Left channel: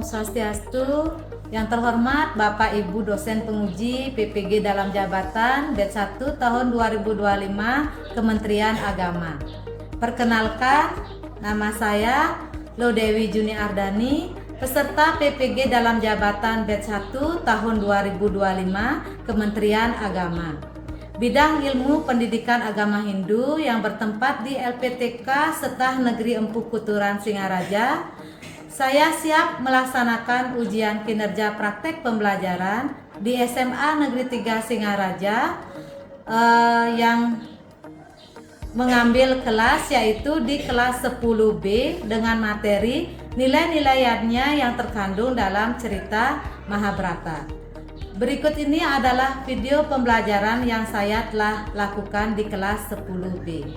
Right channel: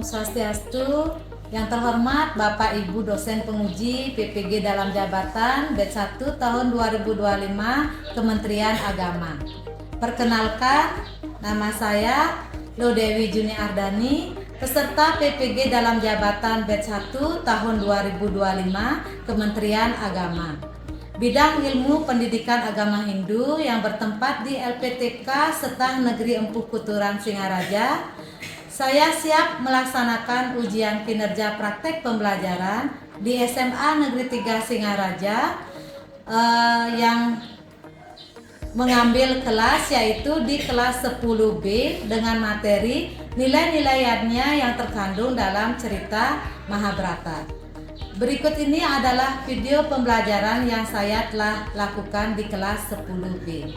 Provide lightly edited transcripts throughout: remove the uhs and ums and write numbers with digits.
Om Swastiastu. Yang terhormat Bapak Ibu dosen penguji PPG dalam jabatan batch 1 tahun 2025 Kementerian Agama. Perkenalkan, nama saya Lodewi Juni Ardani, peserta PPG dalam jabatan batch 1 tahun 2025 Kementerian Agama. Bidang ilmu pendidikan agama Hindu yang bertempat di LPTK Setah Negeri Empu Kuturan Singaraja. Saya siap melaksanakan ujian kinerja praktek pembelajaran di SMA Negeri 3 Singaraja yang mengambil kelas yaitu di kelas 10B dengan materi nilai-nilainya yang terkandung dalam cerita Mahabharata. Berikut ini adalah video pembelajaran yang saya telah lakukan di kelas 10B.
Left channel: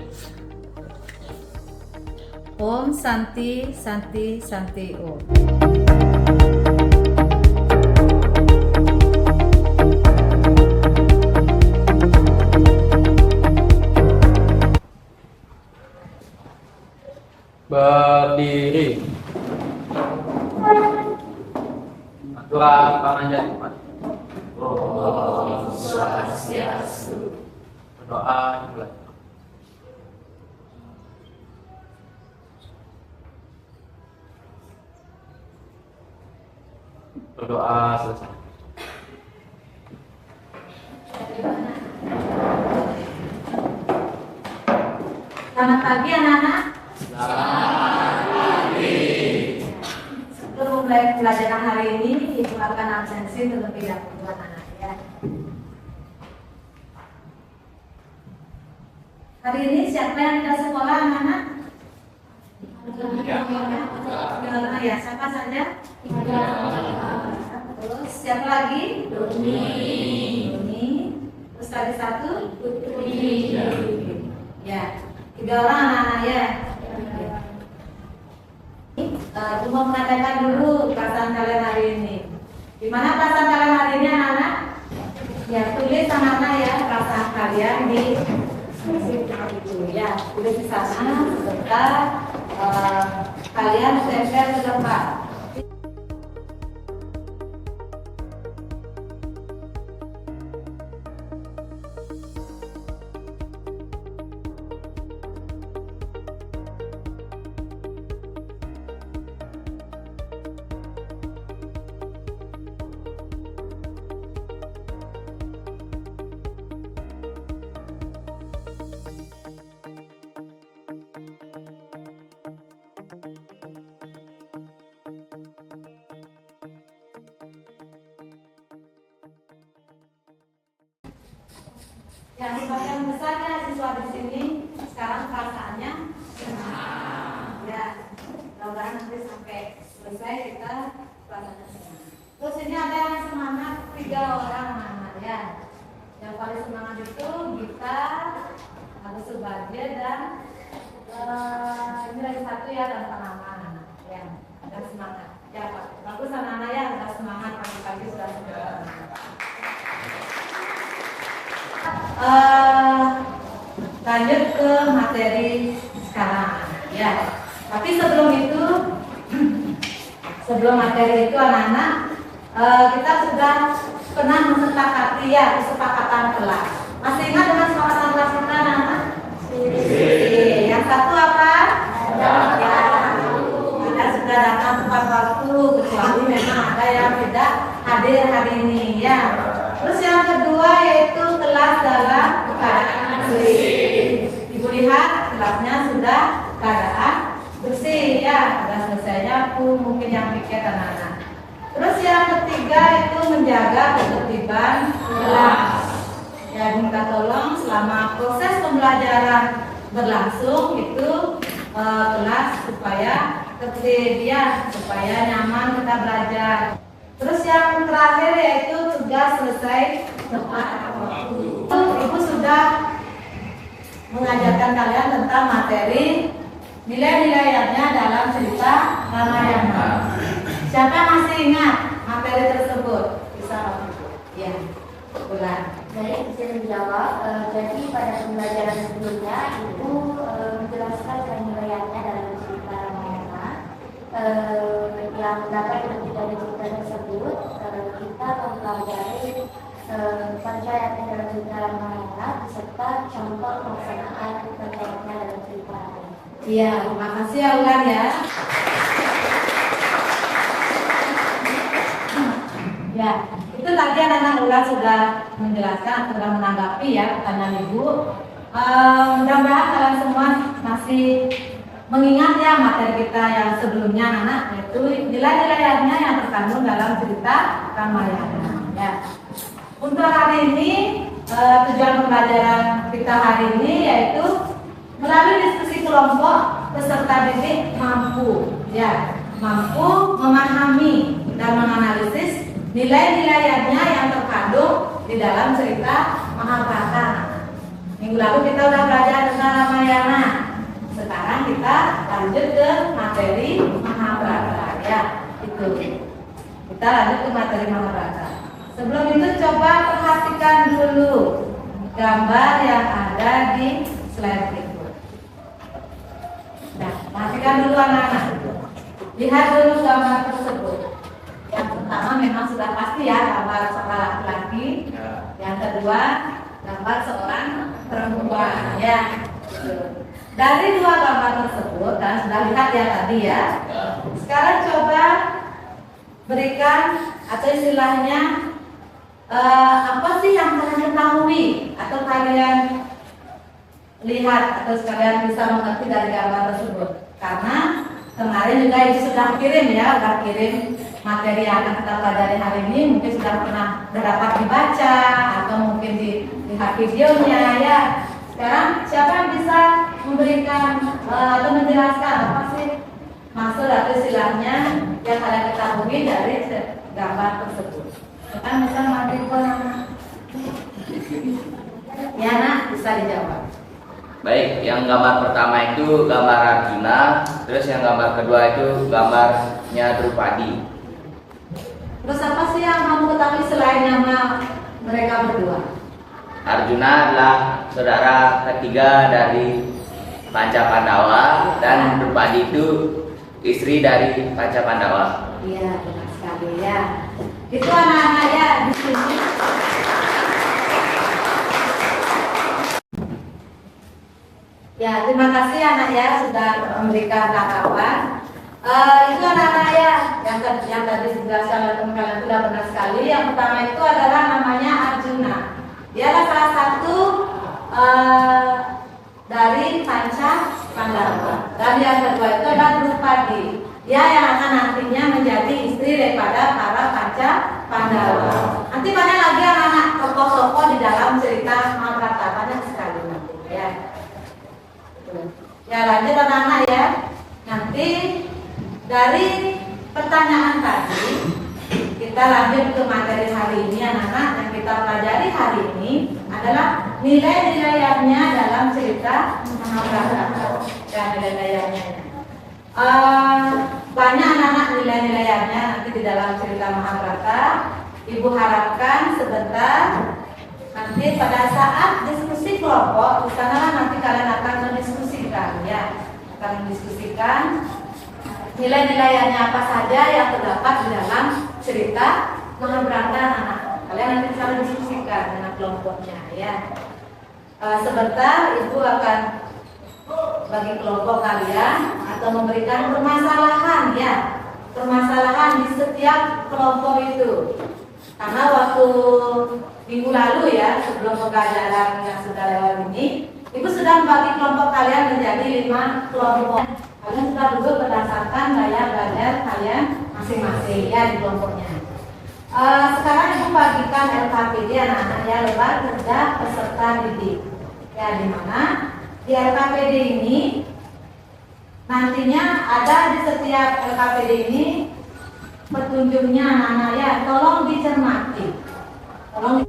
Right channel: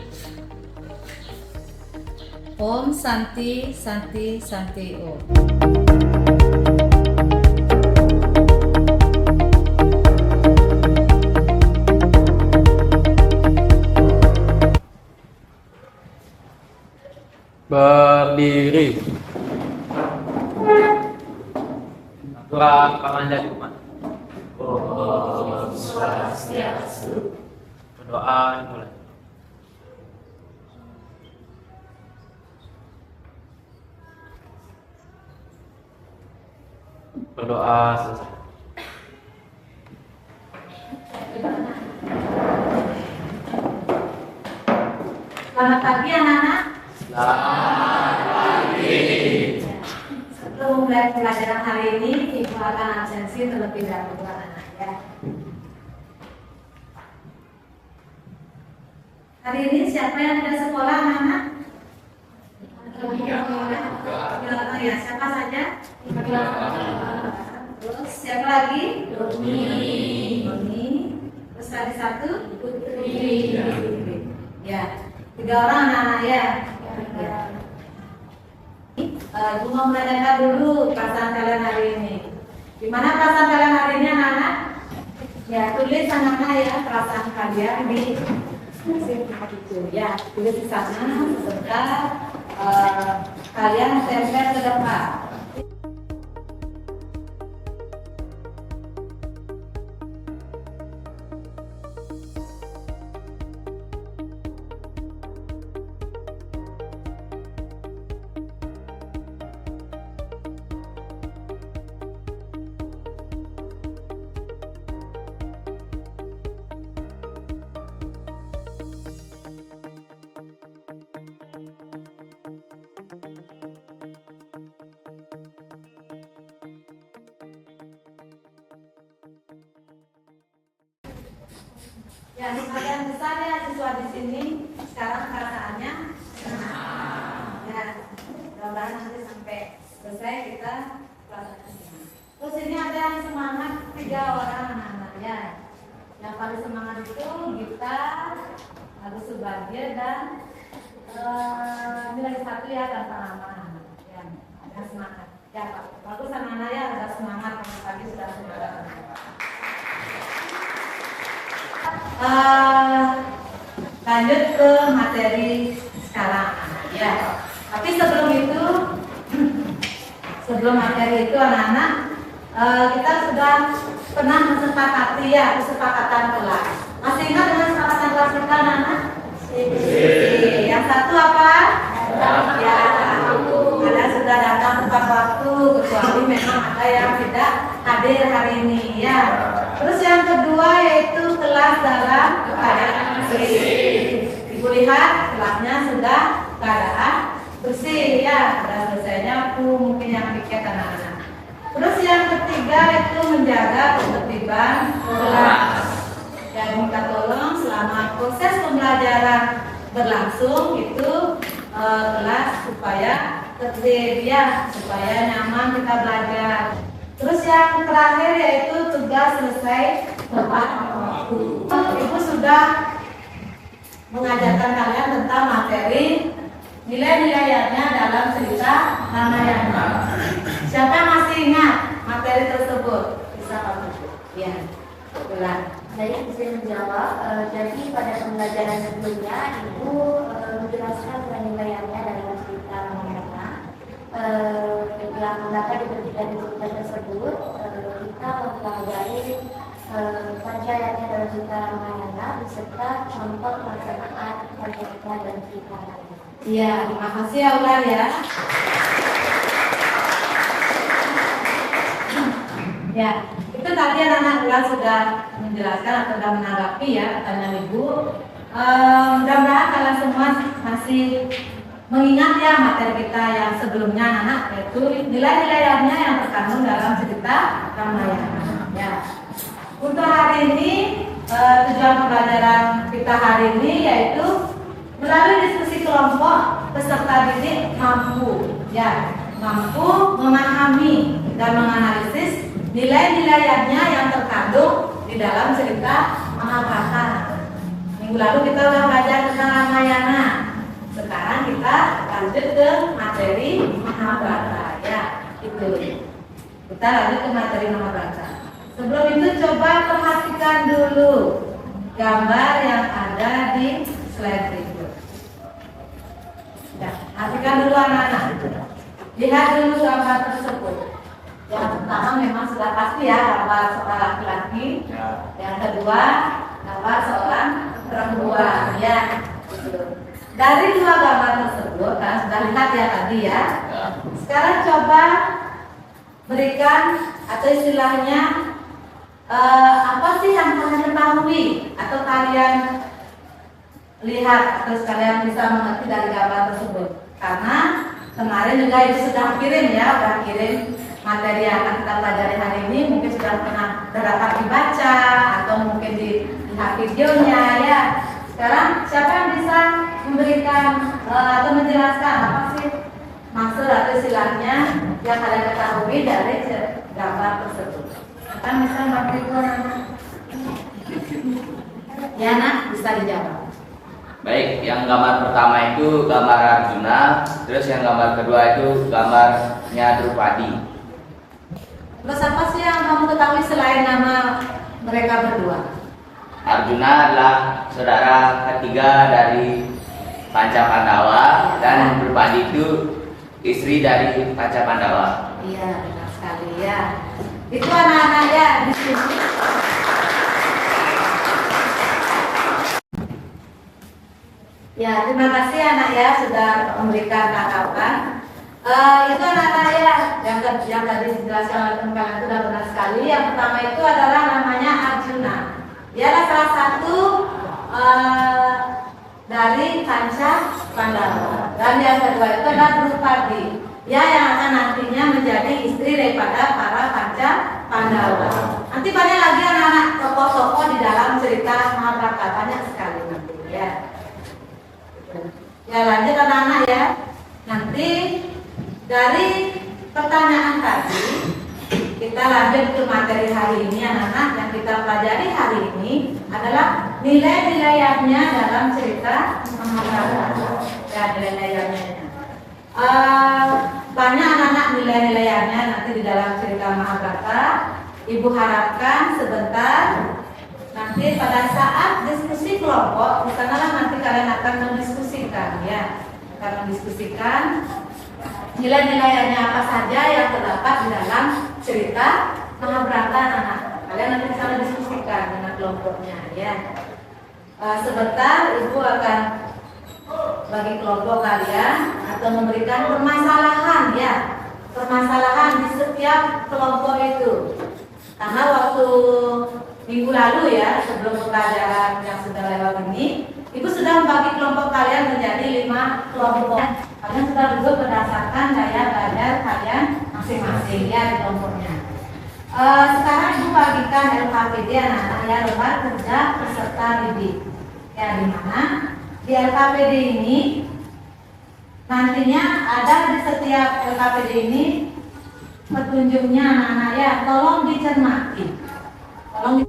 Om Santi Santi Santi Om. Berdiri. Aturan panganjat umat. Om Swastiastu. Berdoa dimulai. Berdoa selesai. Selamat pagi anak-anak. Selamat pagi. Sebelum mulai pelajaran hari ini, Ibu akan absensi terlebih dahulu anak-anak ya. Hari ini siapa yang tidak sekolah anak-anak? Ya, siapa saja? Terus siapa lagi? Doni. Terus tadi satu? Putri. Ya, 3 orang anak-anak ya. Ibu mau menanyakan dulu perasaan kalian hari ini. Gimana perasaan kalian hari ini anak-anak? Ya, tulis anak-anak ya perasaan kalian di itu ya, tulis di sana serta kalian tempel ke depan. Ya, sebagian besar ya siswa di sini sekarang perasaannya senang. Ya, mudah-mudahan nanti sampai selesai kita perasaannya senang. Terus ini ada yang semangat 3 orang anak-anak ya. Yang paling semangat itu Gita, Agus Subagio dan ini lagi satu ya dan Panaman. Ya, ada semangat. Ya Pak, bagus anak-anak ya ada semangat pagi-pagi sudah semangat. Lanjut ke materi sekarang ya. Tapi sebelum itu, sebelum materi itu anak-anak, kita sudah pernah mensepakati ya kesepakatan kelas. Masih ingat dengan kesepakatan kelas kita anak-anak? Yang satu apa? Ya, ada sudah datang tepat waktu, kecuali memang ada yang tidak hadir hari ini ya. Terus yang kedua yaitu kelas dalam keadaan bersih. Ibu lihat kelasnya sudah keadaan bersih ya, sudah selesainya waktu mungkin yang piket anak-anak. Terus yang ketiga itu menjaga ketertiban kelas. Ya, minta tolong selama proses pembelajaran berlangsung itu kelas supaya tertib ya, supaya nyaman kita belajar. Terus yang terakhir yaitu tugas selesai tepat waktu. Ibu sudah mengajarkan kalian tentang materi nilai-nilainya dalam cerita Ramayana. Siapa masih ingat materi tersebut? Bisa Pak Ibu? Ya, bulan. Saya bisa menjawab. Jadi pada pembelajaran sebelumnya Ibu menjelaskan nilainya dalam cerita Ramayana. Yang mendapat kita. Iya, terima kasih ya Ulan ya. Ya, itu tadi anak-anak Ulan sudah menjelaskan atau sudah menanggapi ya pertanyaan Ibu. Mudah-mudahan kalian semua masih mengingat ya materi kita yang sebelumnya anak, yaitu nilai-nilainya yang terkandung dalam cerita Ramayana. Ya. Untuk hari ini tujuan pembelajaran kita hari ini yaitu melalui diskusi kelompok peserta didik mampu memahami dan menganalisis nilai-nilainya yang terkandung di dalam cerita Mahabharata. Minggu lalu kita sudah belajar tentang Ramayana. Sekarang kita lanjut ke materi Mahabharata ya. Itu. Kita lanjut ke materi Mahabharata. Sebelum itu coba perhatikan dulu gambar yang ada di slide berikut. Nah, perhatikan dulu anak-anak. Lihat dulu gambar tersebut. Yang pertama memang sudah pasti ya gambar seorang laki-laki. Yang kedua gambar seorang perempuan ya. Dari dua gambar tersebut kalian sudah lihat ya tadi ya. Sekarang coba berikan atau istilahnya apa sih yang kalian ketahui atau kalian lihat atau sekalian bisa mengerti dari gambar tersebut. Karena kemarin juga Ibu sudah kirim materi yang akan kita pelajari hari ini, mungkin sudah pernah dapat dibaca atau mungkin dilihat videonya ya. Sekarang siapa yang bisa memberikan atau menjelaskan apa sih maksud atau istilahnya yang kalian ketahui dari gambar tersebut? Kan bisa mati ya nak, bisa dijawab. Baik, yang gambar pertama itu gambar Arjuna, terus yang gambar kedua itu gambarnya Drupadi. Terus apa sih yang kamu ketahui selain nama mereka berdua? Arjuna adalah saudara ketiga dari Panca Pandawa dan Drupadi itu istri dari Panca Pandawa. Iya, benar sekali ya. Itu anak-anak ya di sini. Ya, terima kasih anak ya sudah memberikan tanggapan. Itu anak-anak ya yang tadi dijelaskan oleh teman-teman sudah benar sekali. Yang pertama itu adalah namanya Arjuna. Dia adalah salah satu dari Panca Pandawa. Dan yang kedua itu adalah Drupadi. Dia yang akan nantinya menjadi istri daripada para Panca Pandawa. Nanti banyak lagi anak-anak tokoh-tokoh di dalam cerita Mahabharata, banyak sekali nanti ya. Ya lanjut anak-anak ya. Nanti dari pertanyaan tadi kita lanjut ke materi hari ini anak-anak. Yang kita pelajari hari ini adalah nilai-nilainya dalam cerita Mahabharata. Ya nilai-nilainya. Banyak anak-anak nilai-nilainya nanti di dalam cerita Mahabharata. Ibu harapkan sebentar nanti pada saat diskusi kelompok, di sanalah nanti kalian akan mendiskusikan ya, akan mendiskusikan nilai-nilainya apa saja yang terdapat di dalam cerita Mahabharata anak. Kalian nanti bisa mendiskusikan dengan kelompoknya ya. Sebentar ibu akan bagi kelompok kalian atau memberikan permasalahan ya, permasalahan di setiap kelompok itu. Karena waktu minggu lalu ya, sebelum pembelajaran yang sudah lewat ini, ibu sudah membagi kelompok kalian menjadi 5 kelompok. Kalian sudah duduk berdasarkan gaya belajar kalian masing-masing ya di kelompoknya. Sekarang ibu bagikan LKPD anak-anak ya, lembar kerja peserta didik. Ya di mana di LKPD ini nantinya ada di setiap LKPD ini petunjuknya anak-anak ya, tolong dicermati. Tolong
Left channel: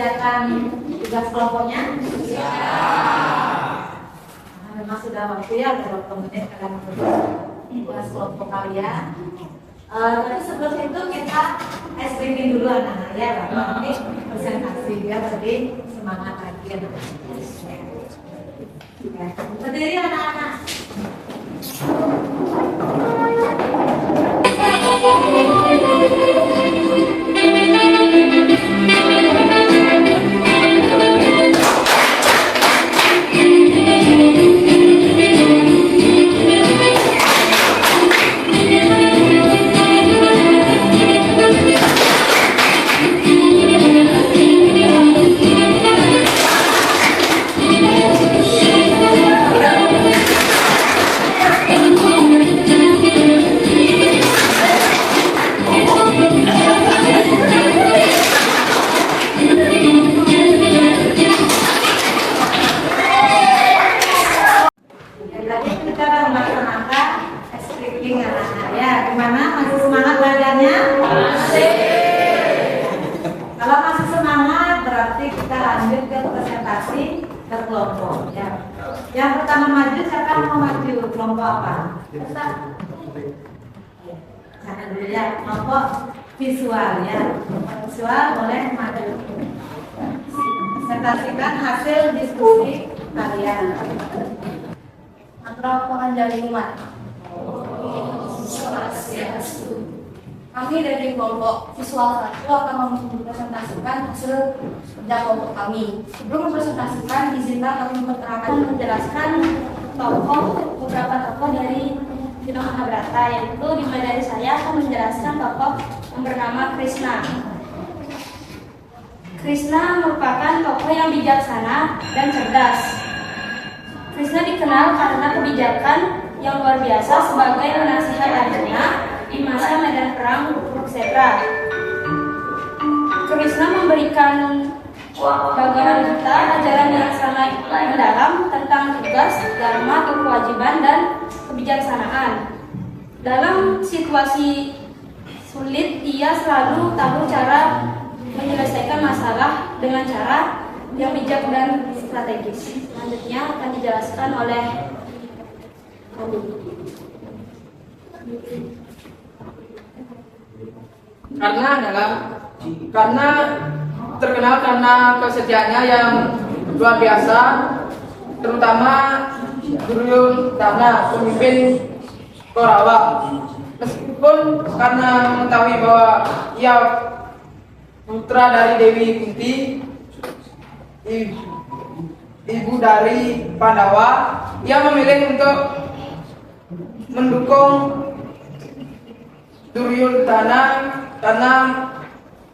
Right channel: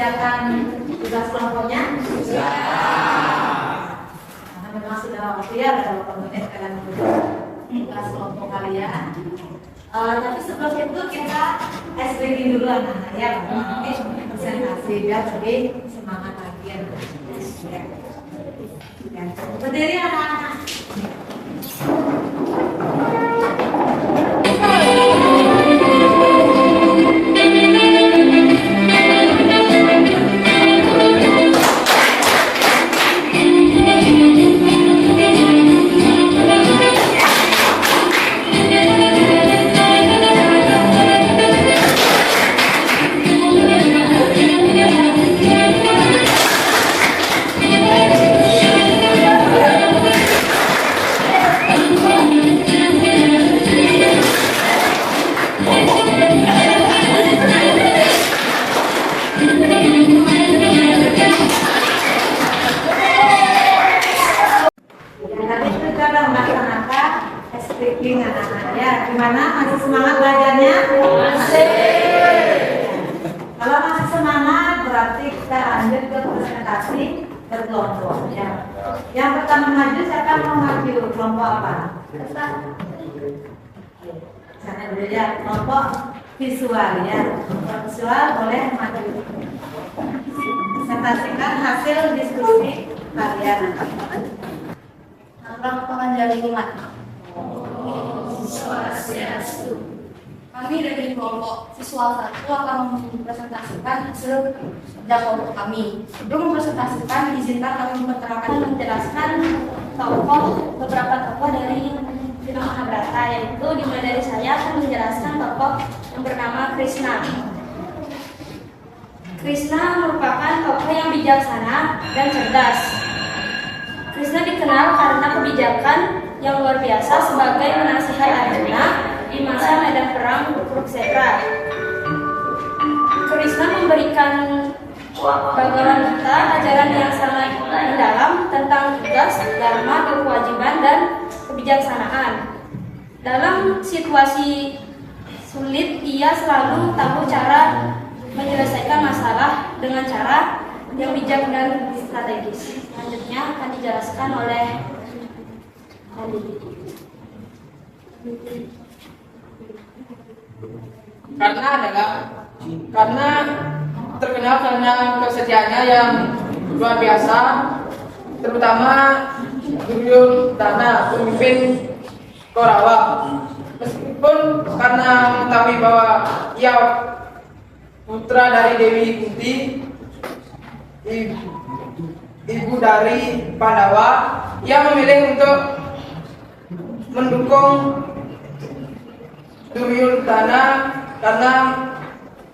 mengerjakan tugas kelompoknya? Nah, memang sudah waktu ya, ada 20 menit kalian tugas kelompok kalian. Tapi sebelum itu kita ice breaking dulu anak-anak ya, nanti presentasi biar lebih semangat lagi ya. Berdiri anak-anak. Gimana? Masih semangat belajarnya? Masih. Kalau masih semangat berarti kita lanjut ke presentasi berkelompok ya. Yang pertama maju, siapa mau maju? Kelompok apa? Sana dulu ya, kelompok visual ya. Kelompok visual boleh maju. Presentasikan hasil diskusi kalian. Antara pengajar lingkungan. Kami dari kelompok visual 1 akan mempresentasikan hasil kerja kelompok kami. Sebelum mempresentasikan, izinkan kami menjelaskan beberapa tokoh dari film Mahabharata, yaitu dimulai dari saya akan menjelaskan tokoh yang bernama Krishna. Krishna merupakan tokoh yang bijaksana dan cerdas. Krishna dikenal karena kebijakan yang luar biasa sebagai penasihat Arjuna di masa medan perang Kurukshetra. Krishna memberikan bagaimana kita ajaran yang sangat mendalam tentang tugas, dharma, kewajiban, dan kebijaksanaan. Dalam situasi sulit, ia selalu tahu cara menyelesaikan masalah dengan cara yang bijak dan strategis. Selanjutnya akan dijelaskan oleh karena terkenal karena kesetiaannya yang luar biasa, terutama Duryodhana, pemimpin Kaurawa. Meskipun karena mengetahui bahwa ia putra dari Dewi Kunti, ibu dari Pandawa, ia memilih untuk mendukung Duryodhana karena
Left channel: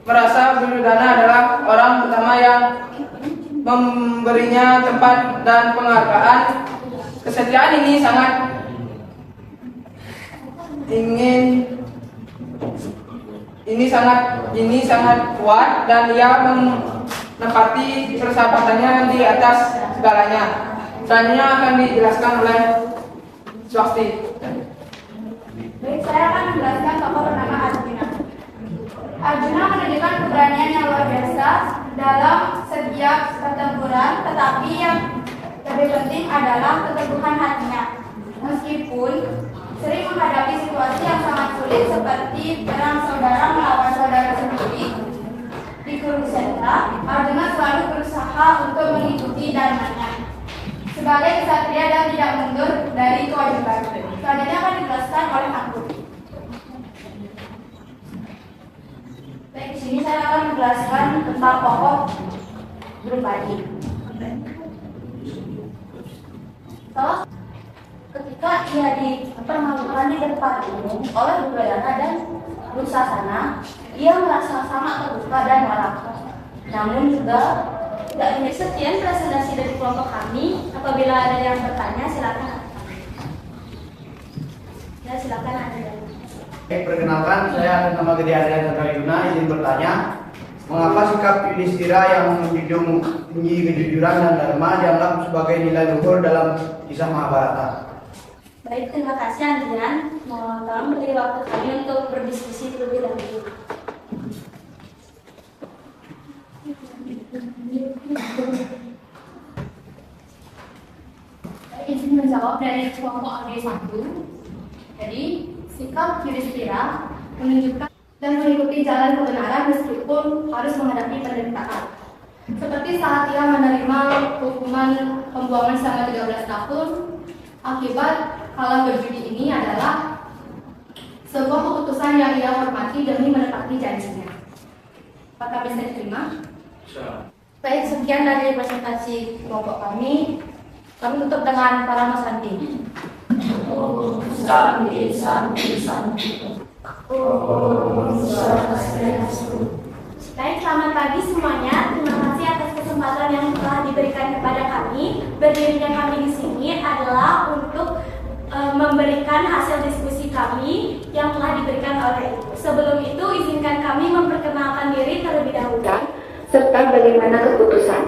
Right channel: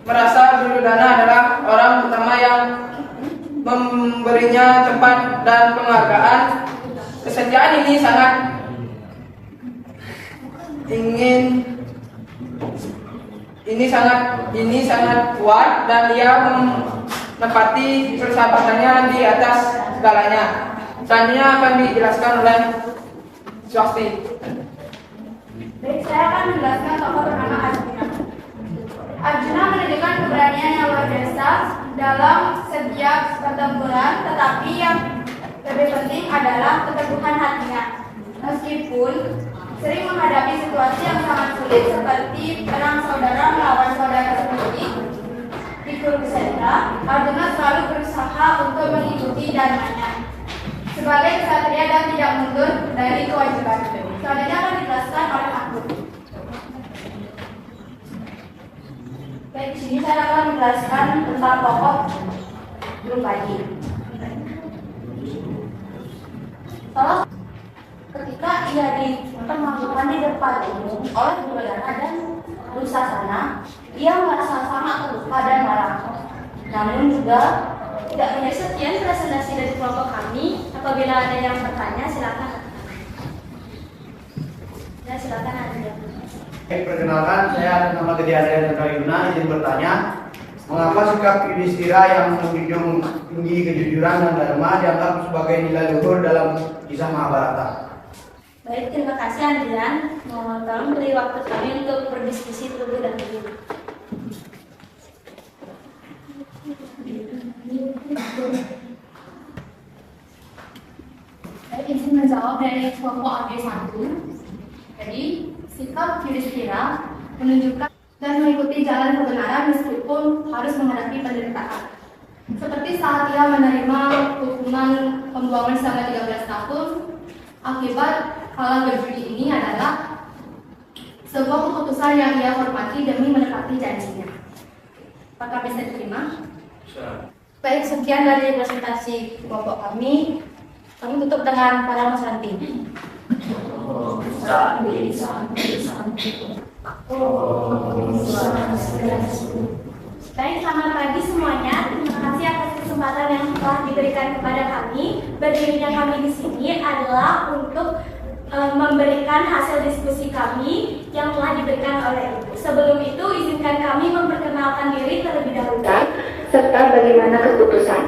merasa Duryodhana adalah orang pertama yang memberinya tempat dan penghargaan. Kesetiaan ini sangat kuat dan ia menempati persahabatannya di atas segalanya. Selanjutnya akan dijelaskan oleh Swasti. Baik, saya akan menjelaskan tokoh bernama Arjuna. Arjuna menunjukkan keberanian yang luar biasa dalam setiap pertempuran, tetapi yang lebih penting adalah keteguhan hatinya. Meskipun sering menghadapi situasi yang sangat sulit seperti perang saudara melawan saudara sendiri di Kurukshetra, Arjuna selalu berusaha untuk mengikuti dharmanya sebagai ksatria dan tidak mundur dari kewajiban. Selanjutnya akan dijelaskan oleh aku. Baik, di sini saya akan menjelaskan tentang tokoh Drupadi. Ketika ia dipermalukan di depan umum oleh Duryodhana dan Dursasana, ia merasa sangat terluka dan marah. Namun juga tidak menjadi sekian presentasi dari kelompok kami. Apabila ada yang bertanya, silakan. Ya, silakan ada. Perkenalkan, saya atas nama Gede Adrian Tantarayuna izin bertanya, mengapa sikap Yudhistira yang menjunjung tinggi kejujuran dan dharma dianggap sebagai nilai luhur dalam kisah Mahabharata? Baik, terima kasih Andrian. Mohon tolong beri waktu kami untuk berdiskusi terlebih dahulu. Saya izin menjawab dari kelompok AG1. Jadi, sikap Yudhistira menunjukkan dan mengikuti jalan kebenaran meskipun harus menghadapi penderitaan. Seperti saat ia menerima hukuman pembuangan selama 13 tahun, akibat kalah berjudi ini adalah sebuah keputusan yang ia hormati demi menepati janjinya. Apakah bisa diterima? Baik, sekian dari presentasi kelompok kami. Kami tutup dengan para Mas Santi. Santi, Santi, Santi. Baik, selamat pagi semuanya. Terima kasih atas kesempatan yang telah diberikan kepada kami. Berdirinya kami di sini adalah untuk memberikan hasil diskusi kami yang telah diberikan oleh Ibu. Sebelum itu, izinkan kami memperkenalkan diri terlebih dahulu. Serta bagaimana keputusan.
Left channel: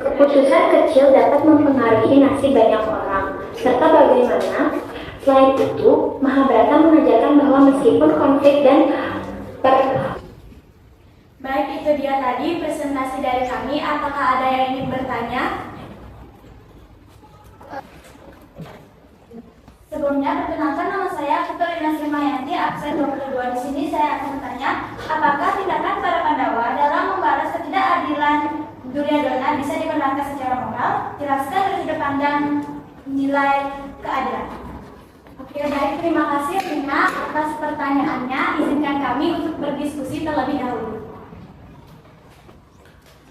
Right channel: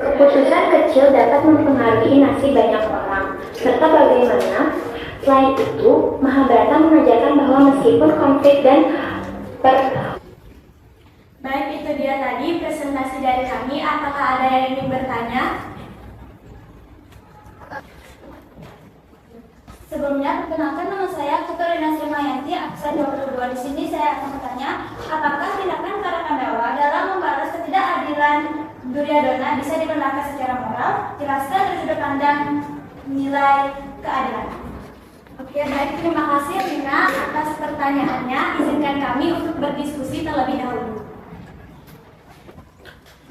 Keputusan kecil dapat mempengaruhi nasib banyak orang, serta bagaimana selain itu, Mahabharata mengajarkan bahwa meskipun konflik dan Baik, itu dia tadi presentasi dari kami. Apakah ada yang ingin bertanya? Sebelumnya, perkenalkan nama saya Putra Mayanti, absen 22. Di sini saya akan bertanya, apakah tindakan para Pandawa dalam membalas ketidakadilan Duryodhana bisa diperlakukan secara moral, jelaskan dari sudut pandang nilai keadilan. Oke, baik, terima kasih Rina atas pertanyaannya. Izinkan kami untuk berdiskusi terlebih dahulu.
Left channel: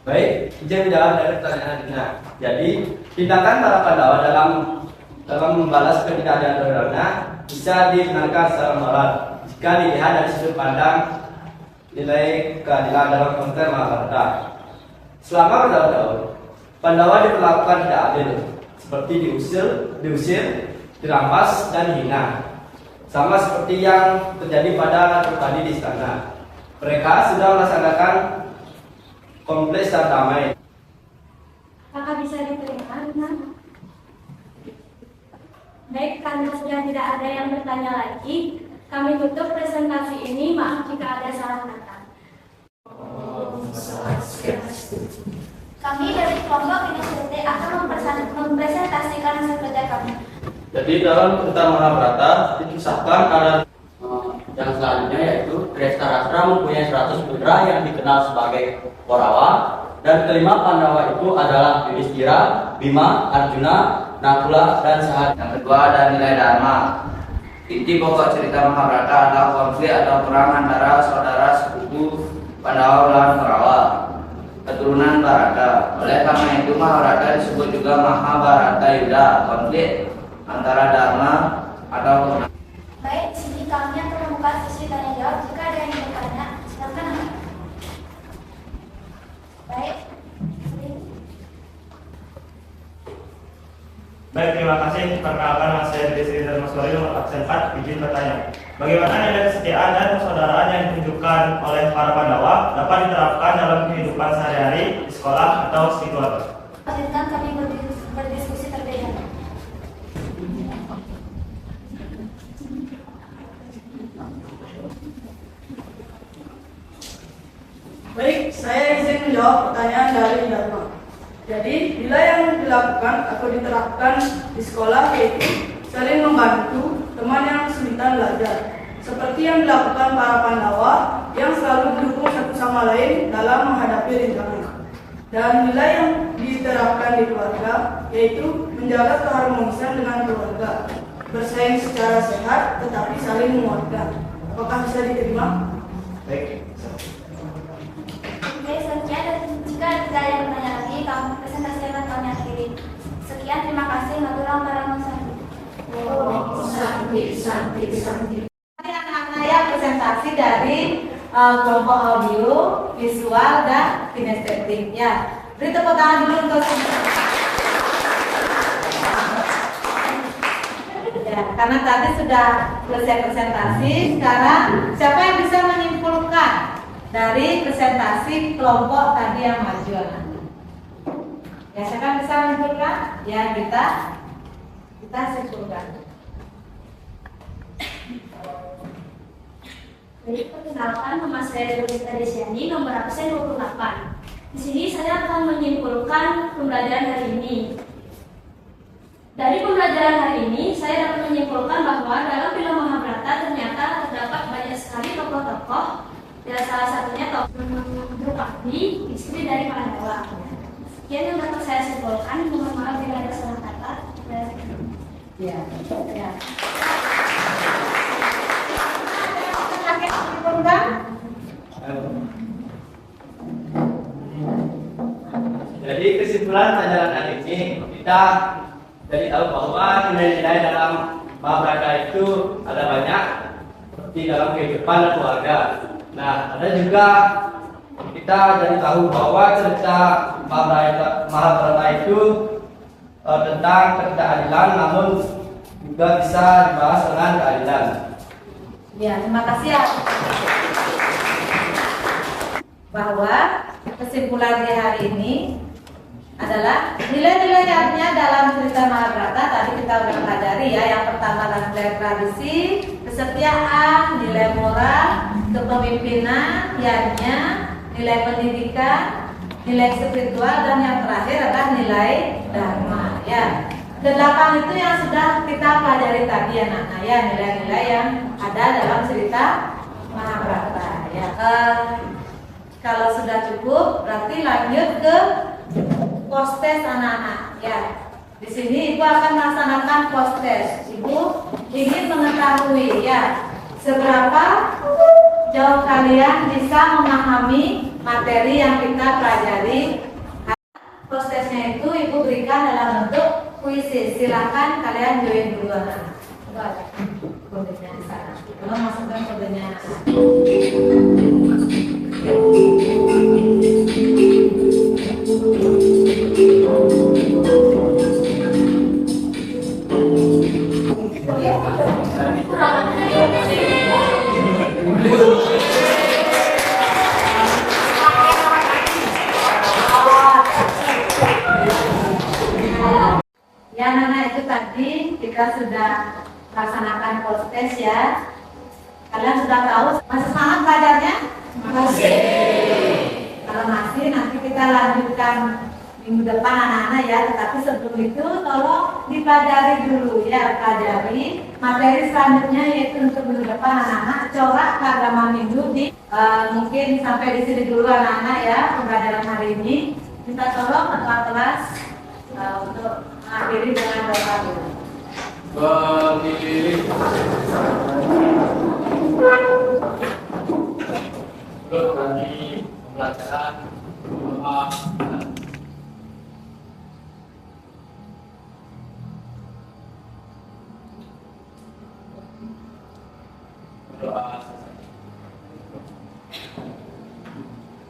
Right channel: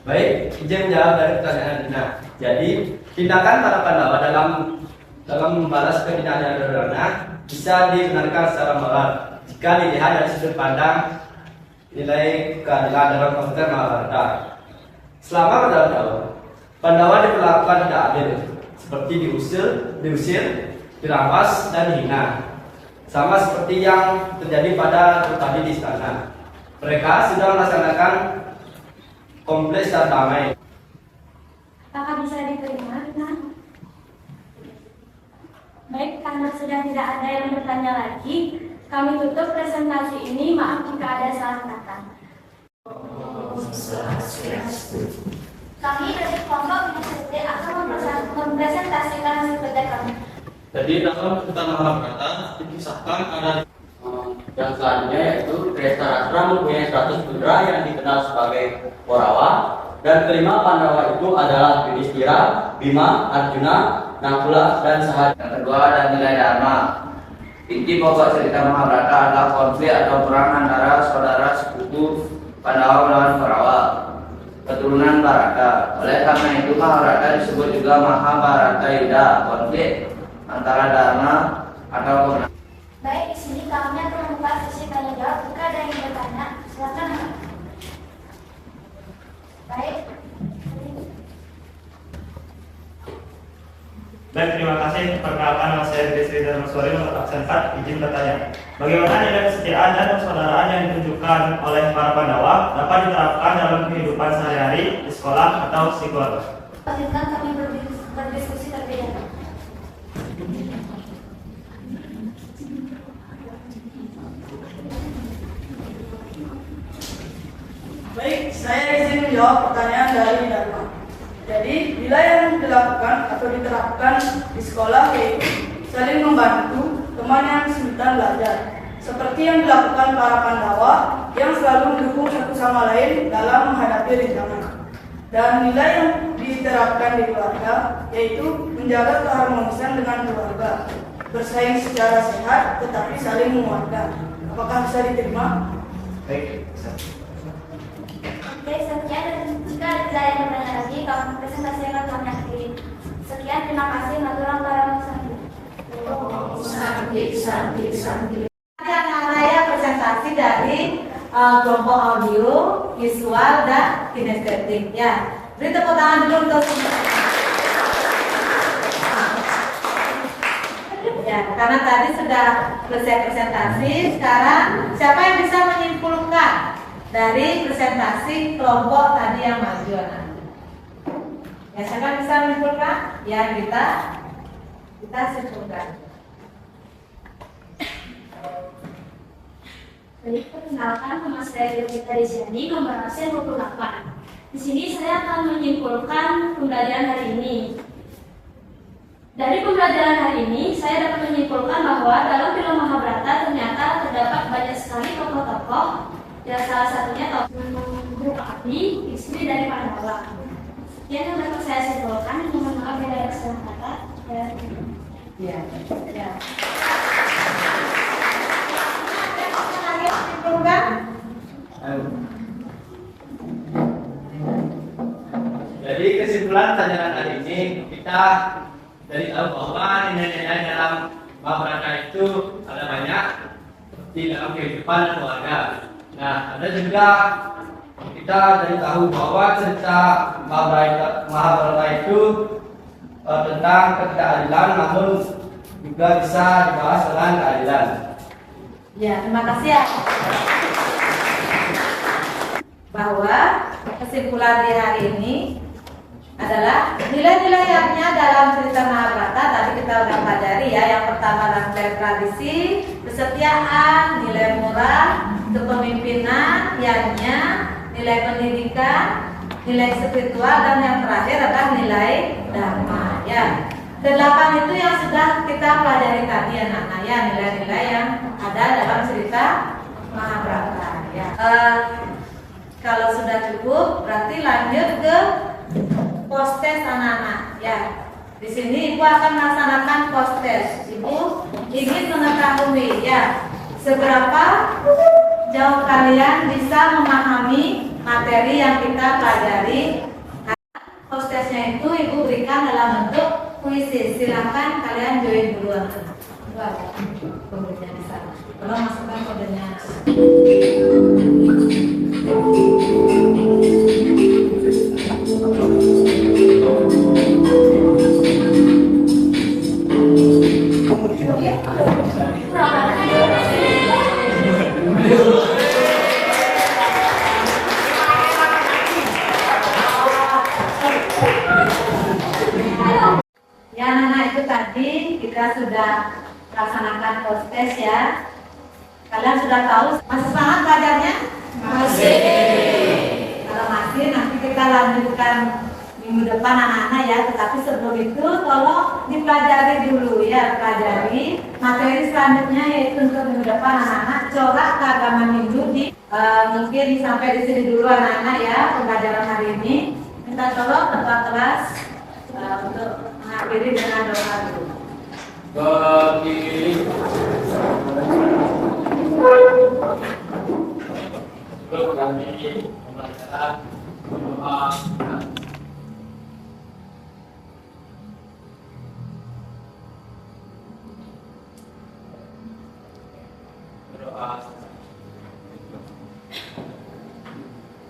Baik, izin menjawab dari pertanyaan Rina. Jadi, tindakan para Pandawa dalam membalas ketidakadilan Duryodhana bisa dibenarkan secara moral jika dilihat dari sudut pandang nilai keadilan dalam konteks Mahabharata. Selama bertahun-tahun, Pandawa diperlakukan tidak adil, seperti diusir, dirampas, dan dihina. Sama seperti yang terjadi pada Drupadi di istana. Mereka sudah melaksanakan konflik secara damai. Apakah bisa diterima, Rina? Baik, karena sudah tidak ada yang bertanya lagi, kami tutup presentasi ini. Maaf jika ada salah kata. Kami dari kelompok inisiatif akan mempresentasikan hasil kerja kami. Jadi dalam cerita Mahabharata dikisahkan ada Yang selanjutnya yaitu Dhritarashtra mempunyai 100 putra yang dikenal sebagai Korawa, dan kelima Pandawa itu adalah Yudhistira, Bima, Arjuna, Nakula, dan Sahadeva. Yang kedua ada nilai dharma. Inti pokok cerita Mahabharata adalah konflik atau perang antara saudara sepupu Pandawa melawan Korawa, keturunan Bharata. Oleh karena itu Mahabharata disebut juga Mahabharata Yuddha, konflik antara dharma atau kemenangan. Baik, di sini kami akan membuka sesi tanya jawab. Jika ada yang bertanya, silakan. Baik. Baik, terima kasih. Perkenalkan, Mas Hendri Sri Dharmaswari, nomor absen 4, izin bertanya. Bagaimana nilai kesetiaan dan persaudaraan yang ditunjukkan oleh para Pandawa dapat diterapkan dalam kehidupan sehari-hari di sekolah atau di keluarga? Izinkan kami berdiskusi terlebih dahulu. Baik, saya izin menjawab pertanyaan dari Dharma. Jadi, nilai yang dilakukan atau diterapkan di sekolah yaitu saling membantu teman yang kesulitan belajar, seperti yang dilakukan para Pandawa yang selalu mendukung satu sama lain dalam menghadapi rintangan. Dan nilai yang diterapkan di keluarga yaitu menjaga keharmonisan dengan keluarga, bersaing secara sehat tetapi saling menguatkan. Apakah bisa diterima? Baik. Oke, sekian, dan jika tidak ada yang bertanya lagi, kami presentasi akan kami akhiri. Sekian, terima kasih. Maturang para Mas Santi. Nanti akan saya presentasi dari kelompok audio, visual, dan kinestetik. Ya, beri tepuk tangan dulu untuk ya, karena tadi sudah selesai presentasi. Sekarang siapa yang bisa menyimpulkan dari presentasi kelompok tadi yang maju? Ya, siapa bisa menyimpulkan? Ya, kita simpulkan. Baik, perkenalkan, nama saya Dewi Desiani, nomor absen 28. Di sini saya akan menyimpulkan pembelajaran hari ini. Dari pembelajaran hari ini, saya dapat menyimpulkan bahwa dalam film Mahabharata ternyata terdapat banyak sekali tokoh-tokoh. Ya, salah satunya tokoh Draupadi, istri dari Pandhawa. Sekian yang dapat saya simpulkan. Mohon maaf bila ada salah kata. Ya. Perubahan? Jadi kesimpulan pelajaran hari ini kita jadi tahu bahwa nilai-nilai dalam Mahabharata itu ada banyak seperti dalam kehidupan dan keluarga. Nah, ada juga kita jadi tahu bahwa cerita Mahabharata itu tentang ketidakadilan, namun juga bisa dibahas dengan keadilan. Ya, terima kasih ya. Bahwa kesimpulan di hari ini adalah nilai-nilainya dalam cerita Mahabharata tadi kita udah pelajari ya. Yang pertama adalah nilai tradisi, kesetiaan, nilai moral, kepemimpinan, yaitu nilai pendidikan, nilai spiritual, dan yang terakhir adalah nilai dharma ya. Kedelapan itu yang sudah kita pelajari tadi anak-anak ya, nilai-nilai yang ada dalam cerita Mahabharata ya. Kalau sudah cukup berarti lanjut ke post-test anak-anak ya. Di sini Ibu akan melaksanakan post-test. Ibu ingin mengetahui ya, seberapa jauh kalian bisa memahami materi yang kita pelajari. Post-testnya itu Ibu berikan dalam bentuk puisi. Silakan kalian join dulu anak-anak. Itu ada kodenya di sana. Tolong masukkan kodenya. Ya anak-anak, itu tadi kita sudah laksanakan post-test ya. Kalian sudah tahu, masih semangat belajarnya? Masih. Kalau masih, nanti kita lanjutkan minggu depan anak-anak ya. Tetapi sebelum itu tolong dipelajari dulu ya. Pelajari materi selanjutnya, yaitu untuk minggu depan anak-anak corak keagamaan Hindu di mungkin sampai di sini dulu anak-anak ya pembelajaran hari ini. Minta tolong ketua kelas untuk mengakhiri dengan doa dulu. Sebelum kami pembelajaran doa. Berdoa selesai.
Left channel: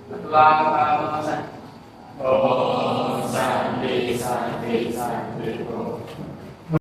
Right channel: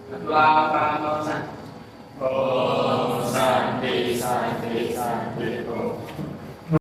Ketua Kamu Santi. Om Santi Santi Santi Om.